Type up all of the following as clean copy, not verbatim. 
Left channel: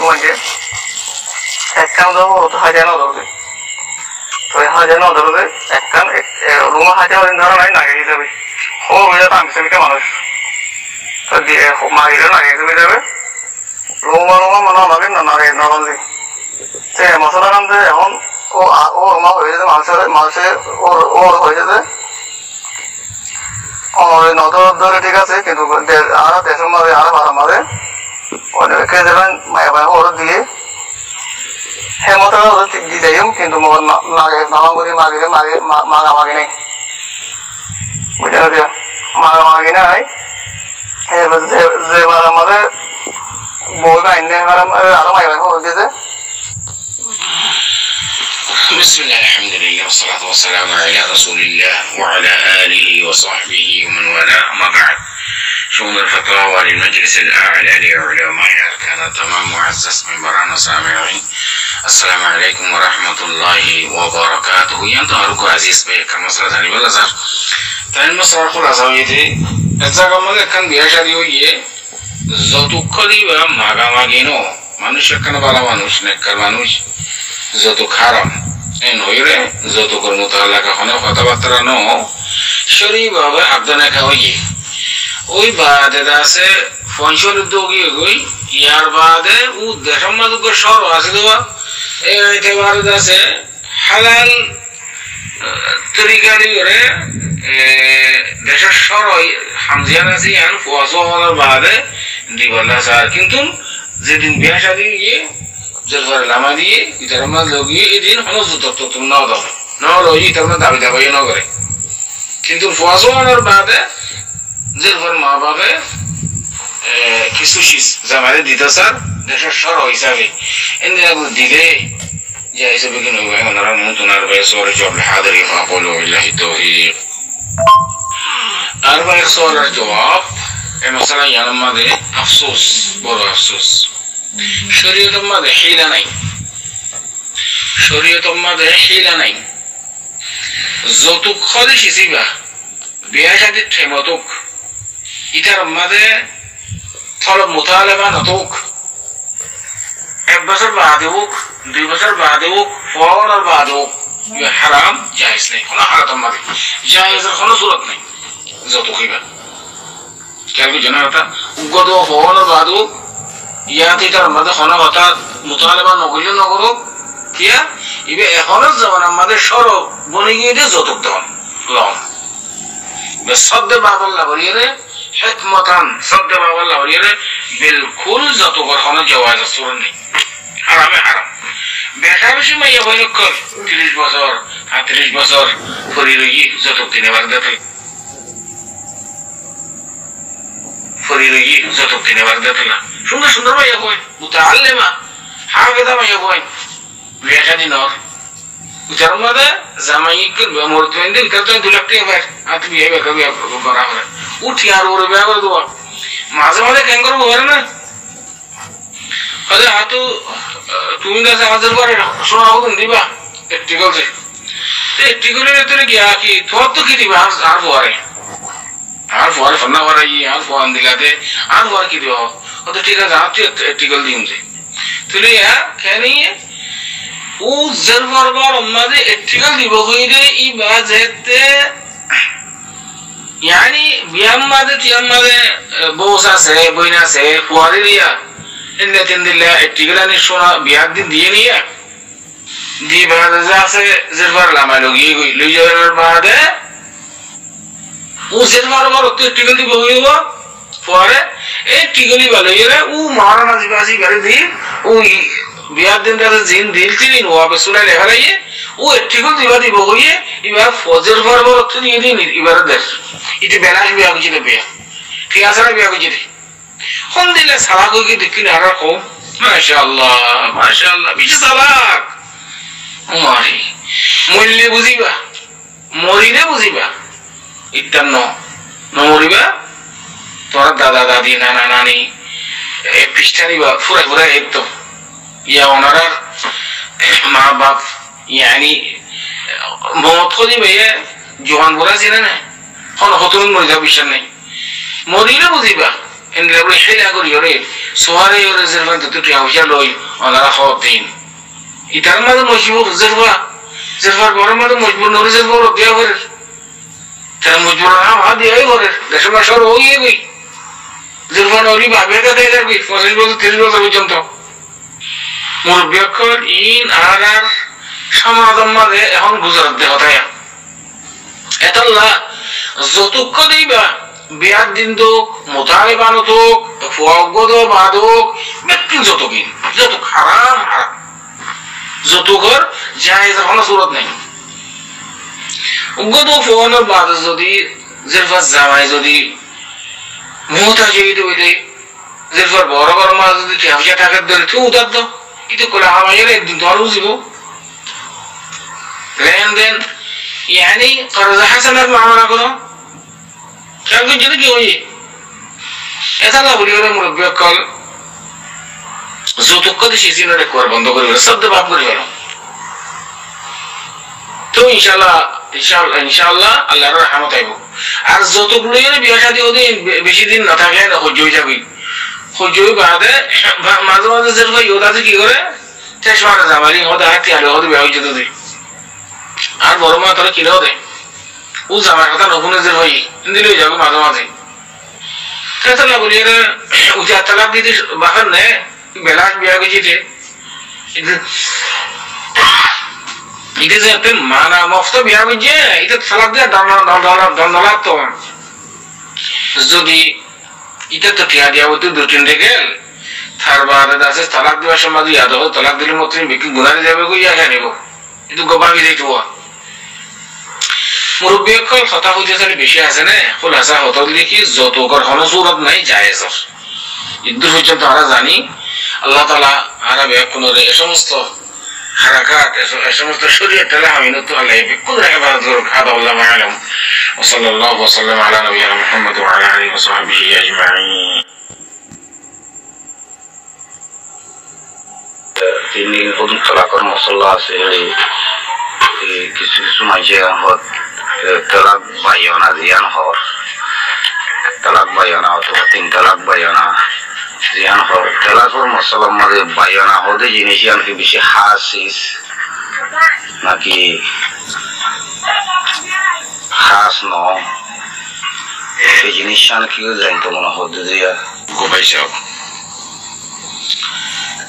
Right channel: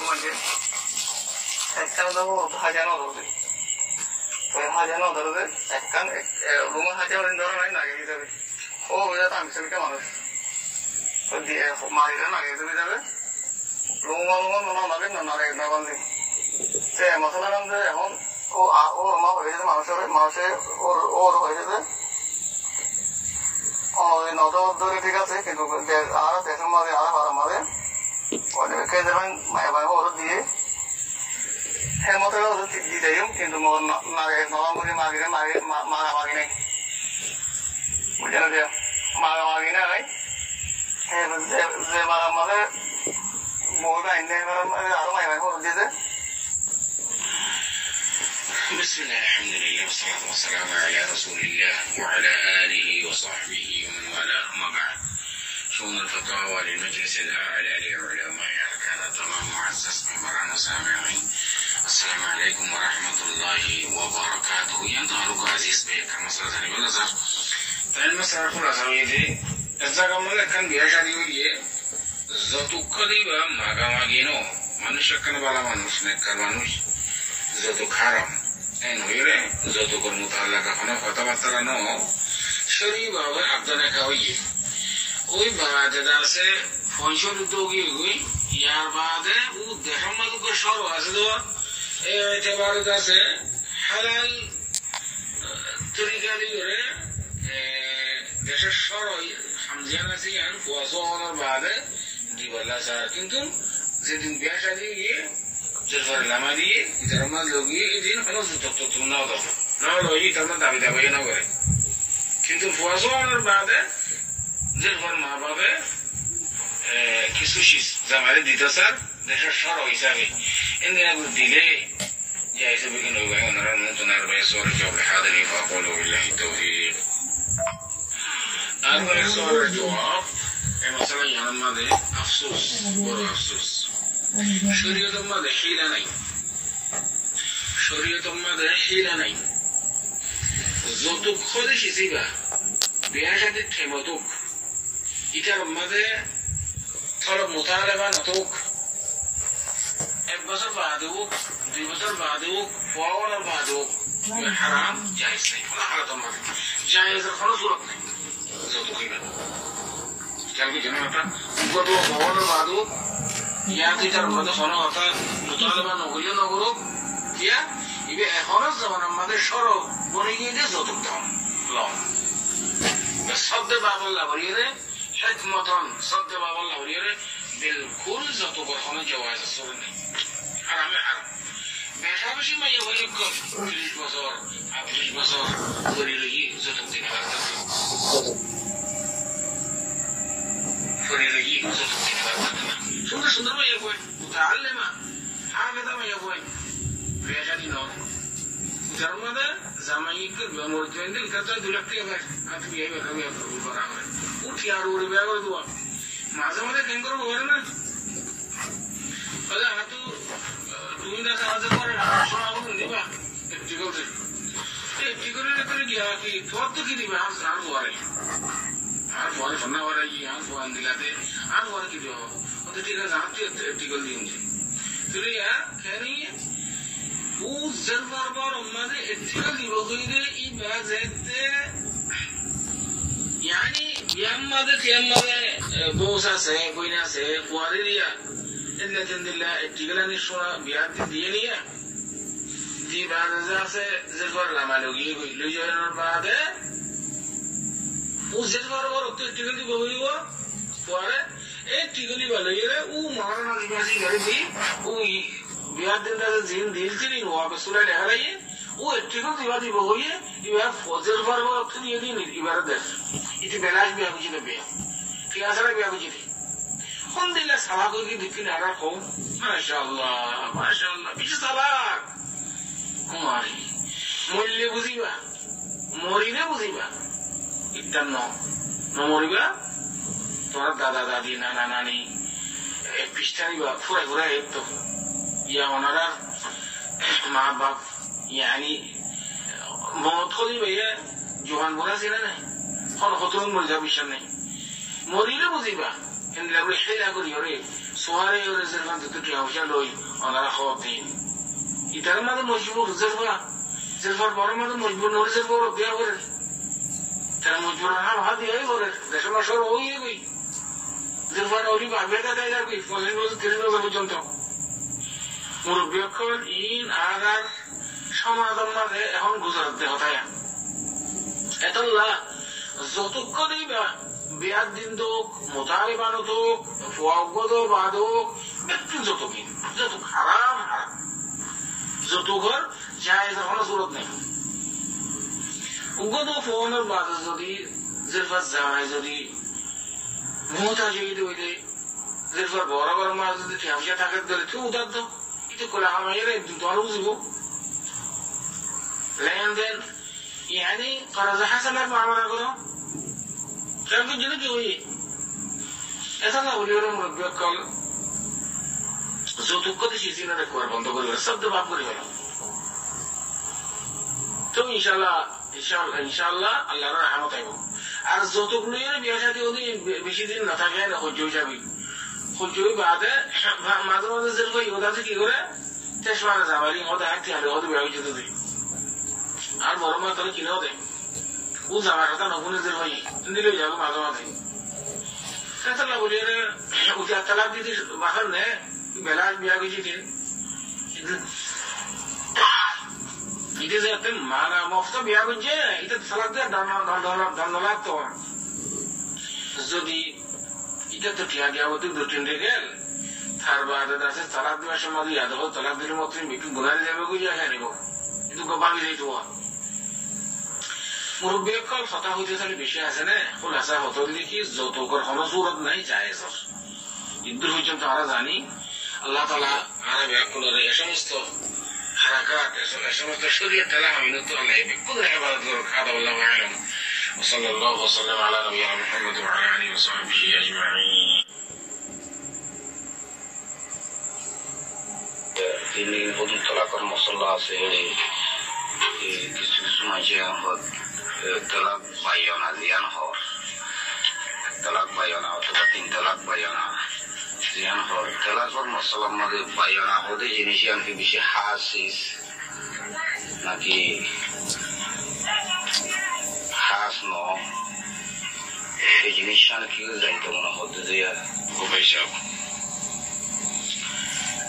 কুমাইছে একখান যাবো হাজার নদরবে তো হাজার নদরবে একখান রুমা হাজার ধরা নাই নাগে যাবে ও বুঝে তামিসমিকে মানুষ তো দিয়ে মাগিলে নাগে যাবে রুমা মানে আমাকে নাগে নরলি সে মশলা কান্দে এখন ও রুমা হয়ে যেতে মানুষের ওর হয়ে যেতে নদর ধরে ঠিক আছে কিন্তু আর দেশের মাঝে আর ভাড়া মাঝে অনেকে যাবেন মায়া ওর দিয়ে হেমত দিয়ে কিন্তু নামাগুলি মাগিলে মাগামাগি নেই বুঝলেন দিয়া মাগামাগি নাই যে ভাড়া মাঝে বই বাইনে আরো মায়া ওর দিয়েছে بسم الله الحمد لله والصلاة والسلام على رسول الله وعلى آله وصحبه ومن والاه أما بعد شؤون الفتاوى للمجلس الأعلى لعلماء أركان تمام معزز من برانا سامعين السلام عليكم ورحمة الله وبركاته ينتهركم عزيز بيك المصرة ثاني بالأزهر ثاني المصرة الخلاصة ويدي الزاقة ماذا كان بيشاري ويه زوتو قريبا ماغا ماغينو মানুষ একখানে ভালো মানুষ নেককার মানুষ যত খারাপ নইরে যত কর্মতা এলাকাখানে কথাবার্তা ন শরীরভাবে আবদানা খাওয়াইয়ে ওই বাদে আছে ফনসর উদ্যোগী গই ইয়ার বাদে ও দেশের মাঝে সর আছে দেওয়া এই একেবারে আছে হালাল তরিকারি করে দেশের সর হামজিয়ান আছে ইয়ান ফোয়াশো হওয়ার বাদে দিবাল্লা স্যার কিন্তু যেদিন বিয়া শাদী গিয়ে জলফার লামা দিয়ে ইতার মাঝ লগিয়ে এদিন হনজত তুমি ন দাও ন লই ইতার দাবি দাবাই ন করে কিন্তু ফোয়াশো হওয়ার বাদে জলফার মা বাপে কিছু শীষ জামারে দিতে স্যার দেশের সর হিসাবে এনে দিলে যে হিসাবে কি নয় ওনারা নতুনার বেসর জব হাদরি ফাকুলু বিল্লাহি তাওফীক আরবা সওয়ালের জবাব এই মশলা ইয়ার মধ্যে আফসোস বড় আফসোস শরীয়তের মধ্যে হিলা নাই শরীয়তের মধ্যে হিলা নাই যতুক খলে শিসিবা বিয়া শাদীর ঠেমতুক ইটার মধ্যে থলব মুতালাবা নতুক এক বছর বাদে হোক 2 বছর বাদে হোক ফওরার বাদে হোক হারাম জায়েজ নেই কোনো হালাতের মধ্যে জায়েজের কোনো সুরত নেই যতুক হইবা কেন জানাটা গত ফওরার বাদে হোক ইয়াতে তার মধ্যে কোনো কথা মুতালাবা নকইলে নগরক কিয়া ইবে এখনের জামানার মধ্যে সর বনে গিয়ে যতুক দেন লম বেসদ্দে বাবাল্লাহ বলিয়ে হিকমতান সদ্দে বাবাল্লাহ বলিয়ে বিলকুল যতুকর কোনো জায়েজ সুরত নেই হারামে হারাম বেটা বেশি মাইয়া বই কর 30 বছর 38 বছর ফরি রই যতুক দিনে বাগদাতে ফরি রই যতুক দিনে বাগদাতে না সুন্দর সুন্দর মাইয়া কই মুতাআল্লিমা হাফেজা মাইয়া কই বিয়া শাদী নর উচার মধ্যে জামাই করবে মরতেন দিন কত 2 লাখ টাকা ভাই আত বিয়ে করবে বড় করে উঠি আর ওরে বিয়া করে দেব মাঝে মাঝে কেন করব বলে না আরে আতো তুমি না আমাদের পরে শোনাও দিবা একটি গলছে একটি গলে ভিতরে গিয়া কি তোর তো কি দিবা আর পরে ফোন না করাই আর ফোন দিলাতে আর পরে কি দিব ও তো ঠিক আছে আপনি একটি গল দিন যে তুই ইয়া কেন ও জরবার আমাদের একটি গল দিব কইরে ই বাজেতে يعني بيامده تيامده بوسا سه بوينا سه فواريا إن تندلا اتجلاني شونا بيادين دينيا دي بعد زاسه زرفار لما لوجي لوجر بعد वो زرفار बार उतने टिकल दी बहुई हुआ फुआरे एक टिकली वाले ये रे वो मारा ना जिबासी करे दी वो बियादिन का जिन दिल चीनी हुआ पे सुना ले हरा ये वो एक टिकल दी बादी बहुई है इबार फौजर बार उतने ये नहीं इबार दर इटे बेलाश भी आगे चले बिया कियासरा भी आगे चले कौन दिले सलाको की दिक्कत आ रहा हो माशाअल्लाह बीच सलाक मारी मूल्य बुझीबा मरिने बुझीबा इतना न मरिबा तोरा दादा दादी नाना नानी ए पिछतानी बा पूरा पूरा एक तो या ओनारा माँ बाप यानी मौत को दी भैया जोहान बोला सी ना হন হতন মরে যাবে বিশ্বাস নেই মরিলে বুঝিবা এন্ড লেবল হেলা করি ওরে সোহারে ওরে জেরফান তো টিয়া পয়সা লই ওনারা খাওয়া দিন ইটার মাঝে মজবুর জেরফার বড় মাঝে মজবুর নরে জেরফার দেওয়া করে তার মজবুর না ভাব দেওয়াই করে দেশের মাসর ওই গই জেরফান ওলি ভাবে কাটে যাবি 25 বছর 30 বছর পর্যন্ত মুরব্বী অক্ষর ইন আর সমাধান মাঝে এখন গুজরাট দেহ তাই এতাল্লা যতক্ষ দিবা বিয়ার দিন দোক মোতালে বানতোক ফুয়াগদ বাদক ব্যক্তি যতকিন যত হারাম হারাম যত ঘর জায়েজ কোনো সুরত নাই উগদ ফুয়ানোর বাদ যদি জেরফাস জামাই যদি মুহতাজিদ হইলে জেরফার বড় বড় মাছ যদি টিয়া টাকার ধরে তুই উদার দাও এটা করে হামাইয়ের একদিন তো আরো বুঝিব লেনদেন يعني قرض حسنات معاملة كده كان كنت جدك يوي এতালা বলি ওরা মুরব্বী কল যৌতুক কত শিশির রেকর্ড বন্ধ করে গেল শব্দ ভাব করে গেল তো ইনশাআল্লাহ আল্লাহর রহমত আইব আর যৌতুক লইয়ে বিয়ে শাদী ওদি বেশি দিন না থাকে না সহ্য হয়ে যাবে সহ্য হয়ে বাদে মাঝে মাঝে যেরকম ইউদাতে কি করে চেষ্টা জামালি হতে হাতে আলো হতে বিয়ে হয়ে যেতে আর বড় মা তোরা কিনেও দেয় ও জামার কথা নকুনে যে হই দিলেও যাবে মাঝে মাঝে তাহলে বলি উঠে তালাক দিতে বাহার নে বেলাস বিয়া গেছিতে এটা যে একটা মানা মফত বিয়া গেছে এটা তালাক দিয়ে দণ্ড লাগতো যদি এটা তো টিয়া দিয়া হতো 2-3 গেল তার বাদে আছে তালাক দেওয়ার সময় ইয়াদ হো তালাক দিলে মতো বিক্রি গুনারে যাবে কই ইয়া নিব কিন্তু গোবাবি দিতে মুরব্বী অকল কথা হইতে চালি বেশি আছে না খোলাসা হতো দেখি যত কর কোনো সুরত নাই জায়েজ ইদ্দুর পর্যন্ত আমরা জানি আল্লাহ তাআলা আরবে কোন এই সমস্ত হারাকাত এই সমস্ত শরীয়ত তাআলা আমিনত আল্লাহ বিকুল ইবাদত করুক হাদা আল্লাহু আলাম ওয়া সাল্লাল্লাহু ওয়া সাল্লাম আলা নবিয়িনা মুহাম্মদ ওয়া আলা আলিহি ওয়া সাহবিহি আজমাইন তিনি হুদুদ তালাকর মশলা আছে কিছু কিছু মানুষে তালাক বাইনা জিয়ান হর তালাক বাইনা অথবা 3 তালাক বাইনা জিয়ান হর তালাকর মশলার মধ্যে বাইনা হতে জিনিস কি বেশি হাসিস নাকি খাস ন এই জিনিস কি জানতো মনে হতে দিয়া গোবাই সাহেব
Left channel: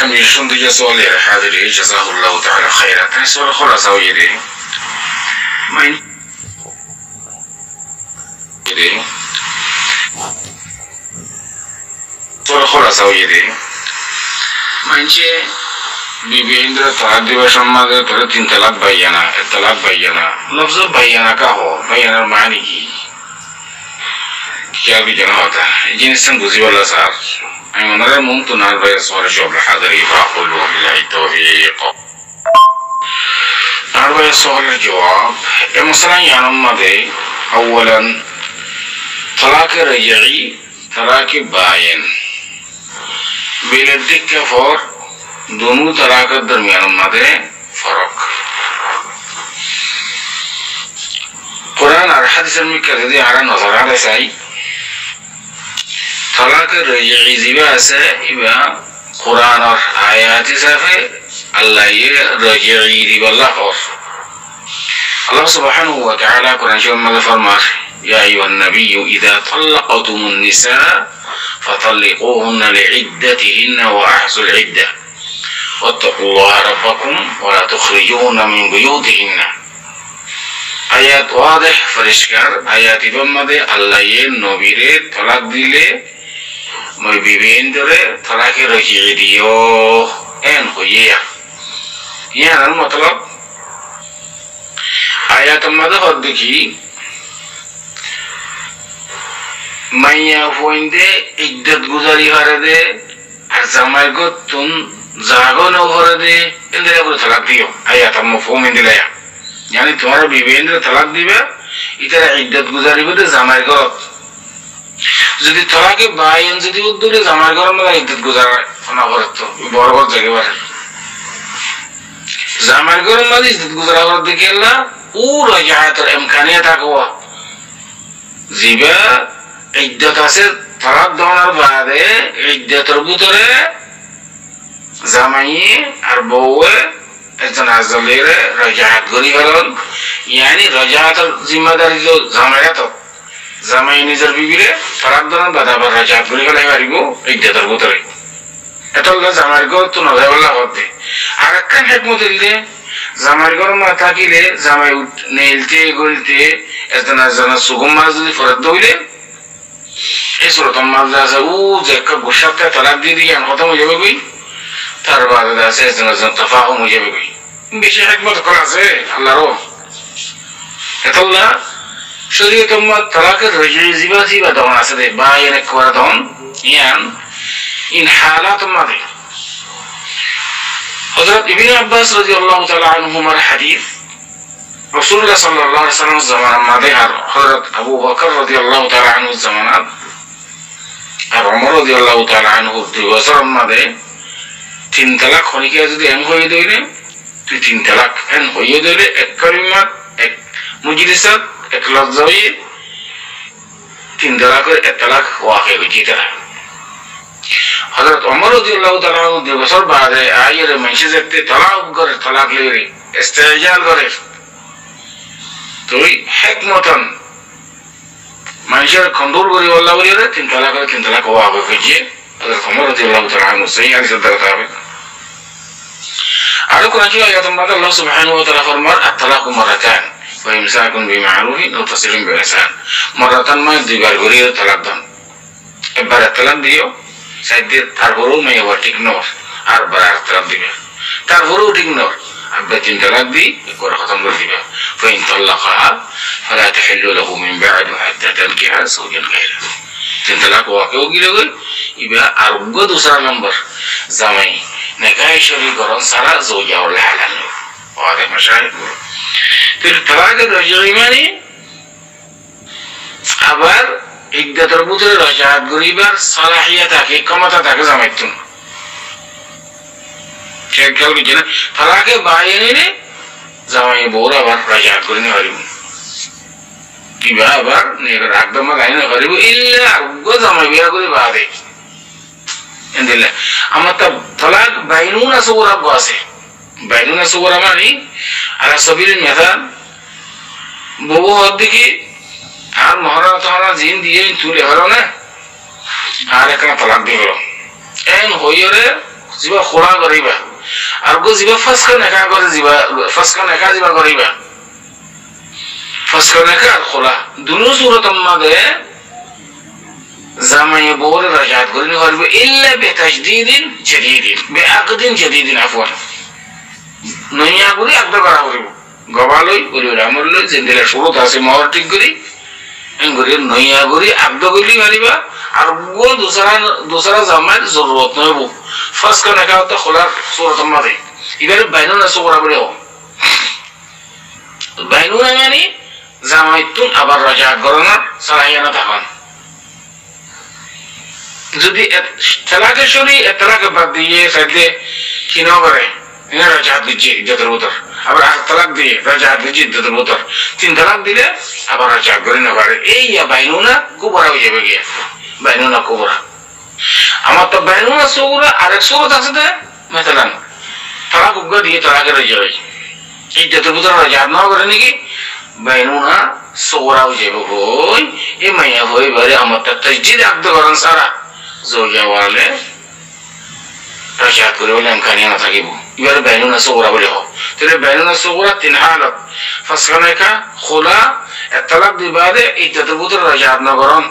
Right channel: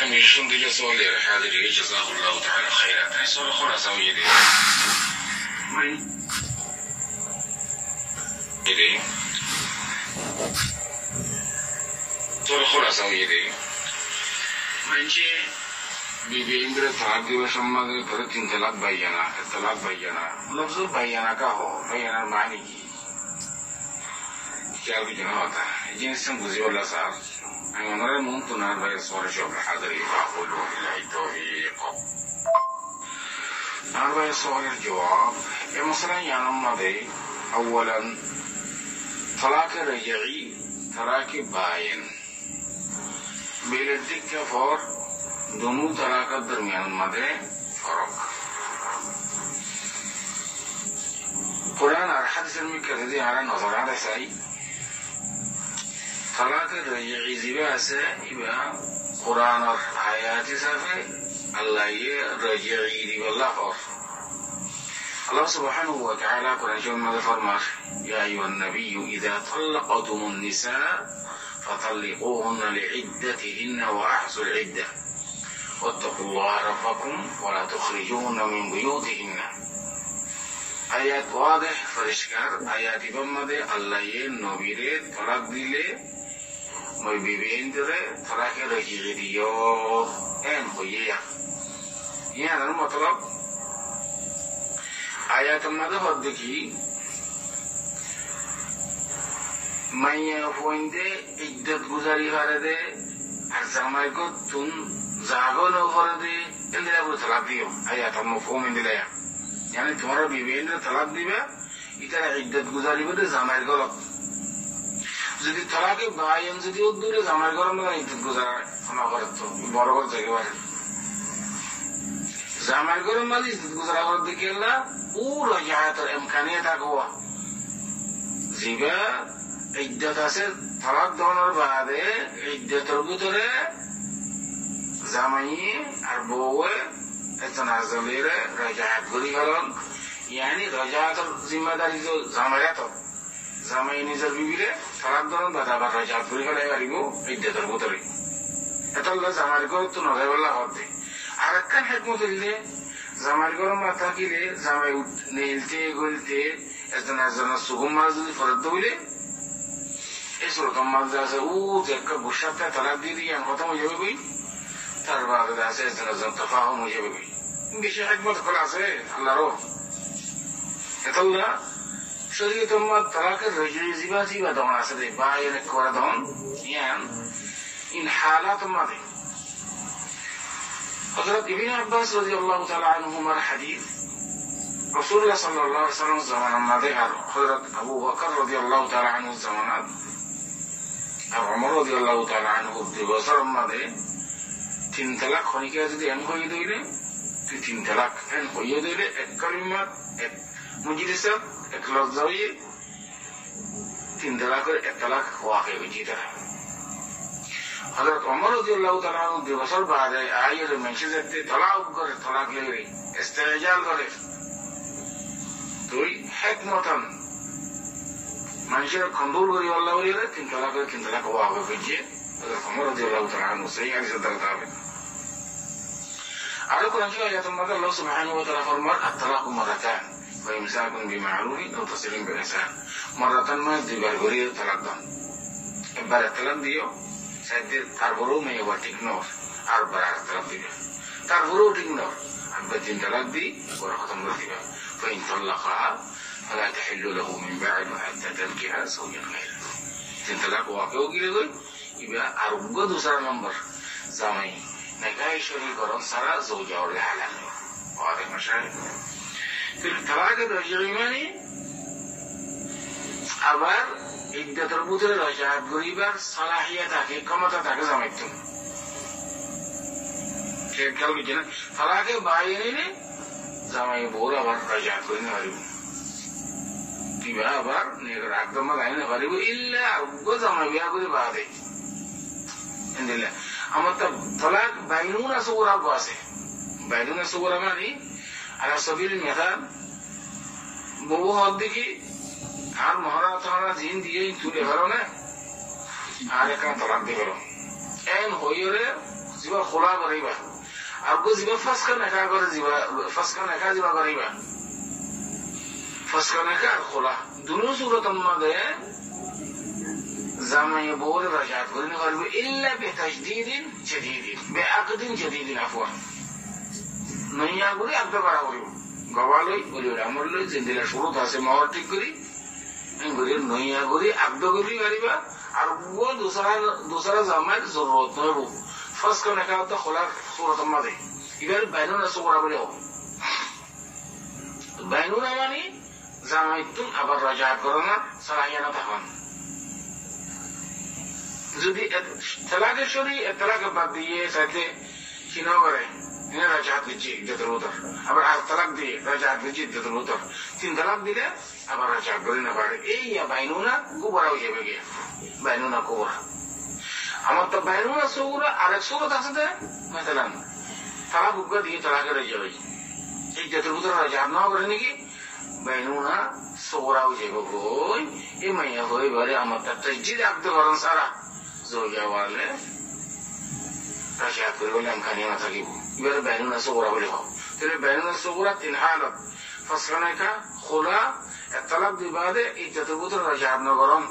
كم يشون دي سؤال حاضر جزاه الله تعالى خيرا كان سؤال خلاص او يدي ما يدي سؤال خلاص او يدي ما ينشي বিবি ইন্দ্র তালাক দিবার সম্মান তোরা 3 তালাক বাইয়ানা তালাক বাইয়ানা লফজ বাইয়ানা কা হো বাইয়ানার মানে কি क्या भी जना होता है जिनिस बुझिबला স্যার আমি ওনারা মন্ত্র নার ভাই সরে সব হাজার ইফাকুল বিল্লাহি তাওফীক নার ভাই সরে জবাব এ মসলা ইয়ানম মাদে আউয়ালান তালাক রাজঈ তালাক বায়িন বিলদিক কে ফর दोनों तरह के दरमियान मदे फर्क कुरान और हदीस में कहते हैं आरा नजर आ रहा है तलाक रजई जिबा से इबा कुरान और आयात से अल्लाह ये रजई दिबल्ला और अल्लाह सुब्हानहु व तआला कुरान में फरमाता या अय्युहन नबी इذا طلقتم النساء فطلقوهن لعدتهن واحصوا العده واتقوا الله ربكم ولا تخرجون من بيوتهن आयत वादह फरिश्कार आयत इबम्मदे अल्लाह ये नबीरे तलाक दिले मैं बीबींदरे तलाक रजी दियो एन होइया यहाँ मतलब आयत मदह देखी माया फोइंदे इद्दत गुजारी हरे दे अज़माय को तुम जागो न भर दे इंद्रिया को तलाक दियो आयत मफहूम इंद्रिया यानी तुम्हारा बीवी इंद्र तलाक दिबे इतरा इद्दत गुजारी बदे জামাই ঘরত যদি তলাকে বাইন যদি উদ্দুরে জামাই ঘরত না ইদ্দত গুজার না করত বড় বড় জায়গা বারে জামাই ঘরত না ইদ্দত গুজারা করত দেখেলা ও রাজাত ইমকানিয়াত আকওয়া জিবা ইদ্দত আছে তালাক দেওয়ার বাদে ইদ্দাতের ভিতরে জামাই আর বউয়ে একজন আজলেরে রাজাত করি ফেলন, ইয়ানি রাজাতের জিম্মাদারি তো জামাইরা তো জামাই নিজের বিবিরে তালাক দেওয়ার বাদে আবার রাজাত করি ফেলাই পারিব ইদ্দাতের ভিতরে। এটা জামাই ঘর তো নজাই বললা হতে। আর একখান হেকমত দিলে জামাই ঘর মা থাকিলে জামাই নেলতে গলতে একজন সুগম মাছ যদি ফেরত দইলে এই সুরতম মাছ আছে ও যে একটা গোসাপটা তালাক দিয়ে দিয়ে খতম হয়ে যাবে কই, তার বাদে আছে একজন তফাহম হয়ে যাবে কই। বেশি হেকমত করা আছে আল্লাহরও। এতল্লা শরীয়ত তালাকের জিবা জিবা দহন আছে দে বা এনে করা দহন ইয়ান ইন হালাত মাদে। হযরত ইবনে আব্বাস রাদিয়াল্লাহু তাআলা আনহুমার হাদিস রাসূলুল্লাহ সাল্লাল্লাহু আলাইহি ওয়াসাল্লাম জামানার মাদে আর হযরত আবু বকর রাদিয়াল্লাহু তাআলা আনহু জামানাত আর ওমর রাদিয়াল্লাহু তাআলা আনহু 2 বছর মাদে 3 তালাক হইকে যদি এম হয়ে দইলে তুই 3 তালাক এন হয়ে দইলে এক কালিমাত এক মুজলিসাত এক লফজাই 3 তালাকের এক তালাক ওয়াকি হইতা। হযরত ওমর রাদিয়াল্লাহু তাআলা 2 বছর বাদে আয়ের মেশে যেতে তালাক করে তালাক লইরে ইস্তেজাল করে তুই হিকমতন মানুষের খন্দর করি আল্লাহ বলিরে 3 তালাক ওয়াকি হইছে। হযরত ওমর রাদিয়াল্লাহু তাআলা সহিহ হাদিস দ্বারা হবে। আর কোন আয়াতের মধ্যে আল্লাহ সুবহানাহু ওয়া তাআলা ফরমান আত-তালাকু মারাতান ওয়া ইমসাকুন বিমারুফিন ওয়া তাসরিহুন বিইহসান। মারাতান মানে 2 বার করে তালাক দান, একবার তালাক দিও সাইদে তারপরও মেয়ে আবার ঠিক নর আর বার তালাক দিবে, তারপরও ঠিক নর আবার 3 তালাক দি একবার খতম করে দিবে। ফাইন তালাকাহা ফালা তাহিল্লু লাহু মিন বা'দু হাত্তা তানকিহা যাওজান গায়রা। 3 তালাক ওয়াকেও গিলে গই ইবা আর গো দুসরা নম্বর জামাই নেকাহ শরী করন সারা যাওজা ওয়ালা হালাল ওয়াদে মাশাআল। তিন তালাকের রজই মানে আবার ইদ্দাতের ভিতরে রাজাত গরিবার সালাহিয়া থাকে ক্ষমতা থাকে জামাইতুন ঠিক খেয়াল করছি না। তালাকে বাইরে জামাই বউর আবার রাজাত করে নিয়ে হারিব কিবা আবার একদম লাইনে হারিব ইল্লা আরো জামাই বিয়া করে বাদে এন্দিল্লা আমার তা তালাক বাইনুনা সুগরা আছে। বাইনুনা সুগরা মানে আলা সাবিল মেথাল বউ হদ দেখি আর মহারা তাহারা জিন দিয়ে তুলে হলো না আর একটা তালাক দিয়ে হলো এন হইরে জিবা খোলা করিবা আর গো জিবা ফাসকা নেকা করে জিবা ফাসকা নেকা জিবা করিবা ফাসকা নেকা আর খোলা দুনো সুরতম মাদে জামাই বউর রাজাত করিনি হইবে ইল্লা বিতাজদিদিন জাদীদিন বিআকদিন জাদীদিন আফওয়ান নইয়া করি আকদ করা হইব গবালই করি রামলই জিন্দেলা সুরত আছে মহর ঠিক করি এঙ্গরি নইয়া করি আকদ কইলি মারিবা আর গো দুসরা জামাইর জরুরত নইব ফাসকা নেকা তো খোলা সুরতম মাদে ইবারে বাইনুনা সুগরা বলেও বাইনুনা মানে জামাইতুন আবার রাজাত করনা সালাহিয়ানা থাকান। যদি তালাকের শরী তালাক বাদ দিয়ে সাইডে কি না করে রাজাত দিচ্ছে ইজ্জতের ভিতর আবার তালাক দিয়ে রাজাত দিচ্ছে ইজ্জতের ভিতর 3 তালাক দিলে আবার রাজাত করে না পারে এই বাইনুনা কুবরা হয়ে যাবে গিয়ে বাইনুনা কুবরা। আমার তো বাইনুনা সুগরা আরেক সুরত আছে না মেসালান তালাক উগ্র দিয়ে তালাকের রাজা হয় ইজ্জতের ভিতর রাজাত না করে নাকি বাইনুনা সুগরা হয়ে যাবে বই এই মাইয়া হয়ে বারে আমার তো তাজদিদ আকদ করেন সারা زوجة والله رجعت كل ولا إمكانية ما تجيبه يبقى بيننا صغرى وله ترى بيننا صغرى تنحال فسخنك خلا الطلاق دي بعد إتتبوت رجعت نقرن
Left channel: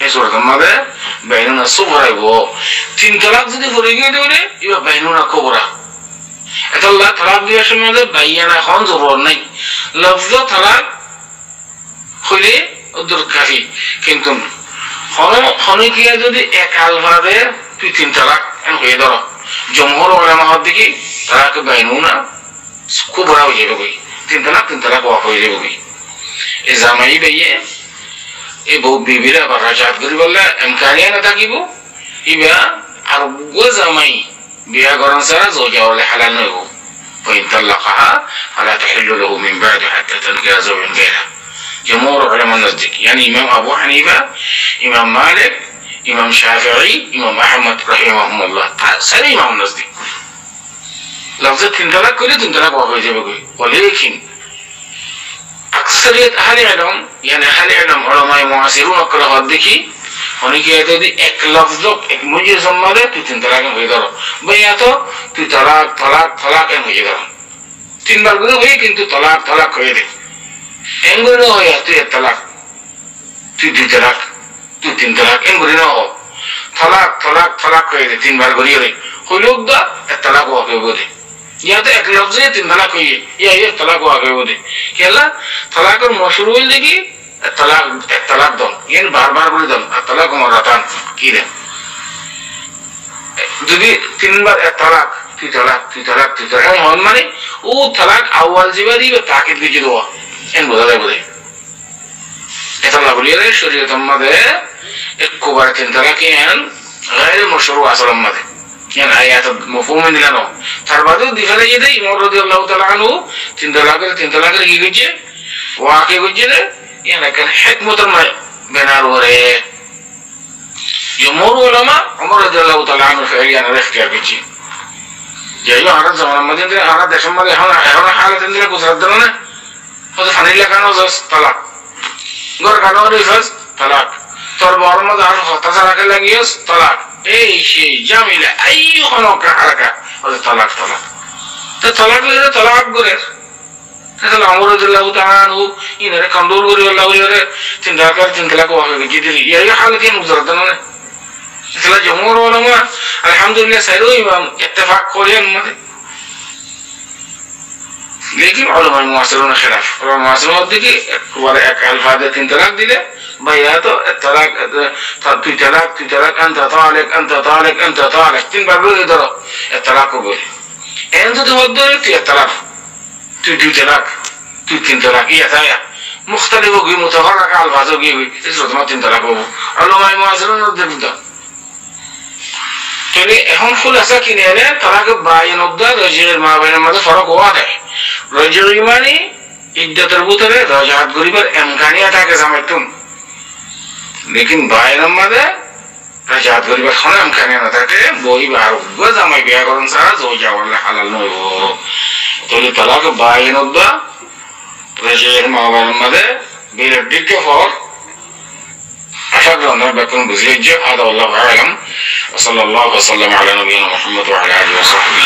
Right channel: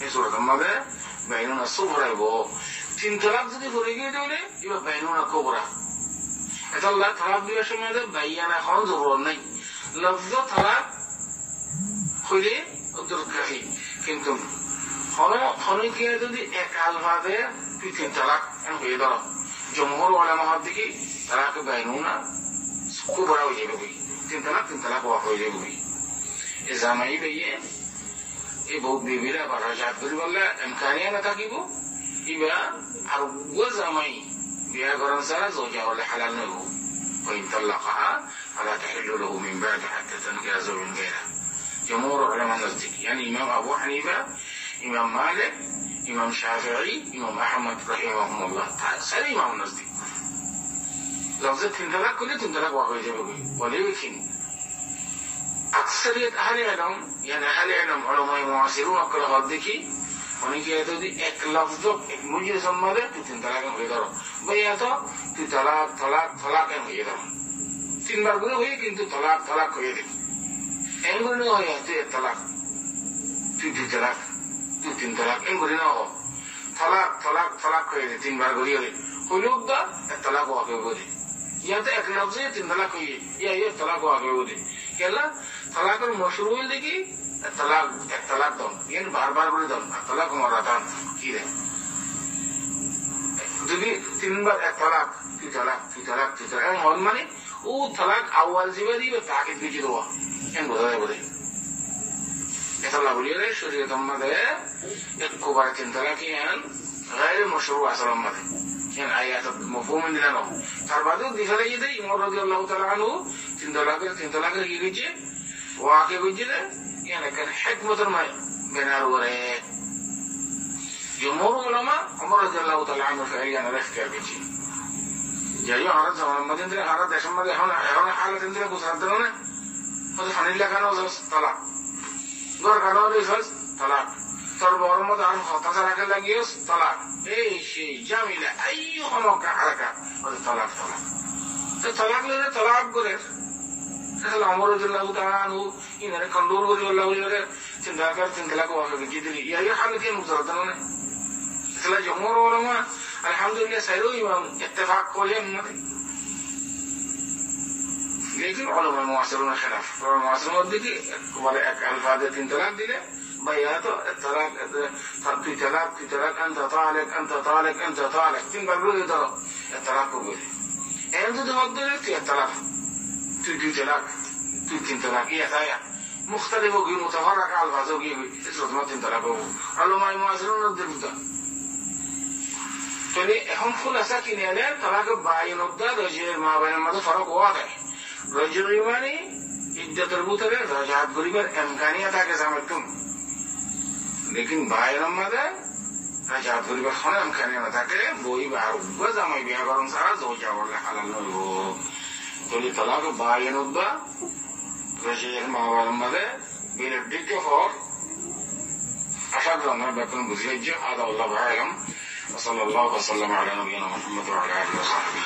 إيه صورة ما ده بيننا صغرى يبغى تين طلاق دي فريقة دوله يبقى بيننا كبرى الله طلاق دي عشان ما ده بيننا خان ضروري नहीं لفظ طلاق خلي أدر كافي كنتم খনি কিয়া যদি একাল ভাবে তুই 3 তালাক এন হয়ে ধরো জমহর ওলামা হদ দেখি তালাকে বাইনুনা কুবরা হয়ে যাবে কই 3 তালাক ওয়াক হয়ে যাবে কই এ জামাই বেয়ে এ বউ বিবিরা আবার রাজাত করি বললে ইমকানিয়া না থাকিব ইবা আর গো জামাই বিয়া করন সারা জোজা ওলে হালাল নইব ফাইন তালাকাহা ফালা তাহিল্লু লাহু মিন বা'দু হাত্তা তানকিহা যাওজান গায়রা। جمهور علماء النزديك يعني إمام أبو حنيفة إمام مالك ইমাম শাফিঈ, ইমাম আহমদ রাহিমাহুল্লাহ, সারি ইমাম নজদিক লফজে 3 তালাক করে 3 তালাক হয়ে যাবে কই বলে। লেকিন আকসারিয়ত আহলে ইলম ইয়ানি আহলে ইলম উলামায়ে মুআসিরুন করা হদ দেখি অনেকে যদি এক লফজ এক মুজির সম্মানে তুই 3 তালাক হয়ে গেল ভাইয়া, তো তুই তালাক তালাক তালাক হয়ে গেল 3 বার করে হয়ে, কিন্তু তালাক তালাক হয়ে দে এঙ্গুলো হয়ে তুই 1 তালাক, তুই 2 তালাক, তুই 3 তালাক এঙ্গুলি না হোক তালাক তালাক তালাক হয়ে দে 3 বার করে হইলেও দা 1 তালাক হয়ে বলে। या तो एक लफ्ज 3 तलाक हुई है या 1 तलाक हो गए बोले केला तलाक और मशहूर हुई लेगी तलाक 1 तलाक दो ये बार-बार बोले दो तलाक मरतान की रे যদি 3 বার 1 তালাক 2 তালাক 2 তালাক 2 তালাক হন মানে ও তালাক আউয়াল জিবারি বা তাকিদ দিয়ে দেওয়া এন বোঝা যায় বলে। এটা আল্লাহ বলিয়ে শরীয়ত আমাদের একবার 3 তালাক এন غير مشروع اصلا আমাদের يعني آيات مفهوم দিলানো তার বাদেও দিখালে যেতে ইমাম রাদিয়াল্লাহু তাআলা আনহু 3 তালাকের কি কইছে ওয়াকে কইছে يعني كان حكمه بنار وره جمهور علماء عمر রাদিয়াল্লাহু তাআলা আনহু فعليا اختيار কইছে যেই আর জামান মধ্যে আর দেশের মধ্যে এখন হালত দিলে গুজরাত দেন না ওদের ফানি লাগানো জস তালাক গর কানো রিফাস তালাক তোর বড় মধ্যে আর হতাশা রাখে লাগিয়েস তালাক এই সেই জামিলা আইয়ু হনকা হারাকা ওদের তালাক তালাক তো তালাক লইলে তালাক করে তাহলে আমর রাদিয়াল্লাহু তাআলা আনহু ইনারে কন্ট্রোল করে আল্লাহ ইনারে 3 তালাক ওয়াকে জিদি এই হালতে মুজরাত না তাহলে জমহুর উলামা আলহামদুলিল্লাহ সাইরো ইমাম ইত্তেফাক করেন মতে लेकिन उलमा मुआसिरून खिलाफ उलमा मुआसिरून দিকে ওয়ালা এক আলফাজে 3 তালাক দিলে ভাইয়া তো তালাক তুই তালাক আনতা তালাক 3 বার বলে ধরো তালাক বলে এন যদি হদ তুই তালাক তুই 2 তালাক তুই 3 তালাক ইয়া তায়া মুখতালিফ গই মুতাফাররাক আলফাজ গই এটা তো 3 তালাক হবে উলমা মুআসিরুন দিকে তাহলে এখন খুলাসা কি নেলে তালাক বাইন উদ্দা রাজির মা বাইনের মধ্যে ফরক হওয়া দেয় রাজির মানে ইদ্দাতের ভিতরে রাজাত গরিবের এমকানিয়া থাকে জামাইতুন लेकिन বাইনের মধ্যে রাজাত গরিবের কোন এমকানিয়া না থাকে বই বার গো জামাই বিয়া করন সারা জয় যাওয়ালে হালাল নয় তাহলে তালাক বাইন উদ্দা রাজির মা বাইনের মধ্যে বিলের দিকে ফর আশা করি আমরা বেতন বুঝিয়ে যে আদা আল্লাহু আলাম وصلى الله وسلم على نبينا محمد وعلى اله وصحبه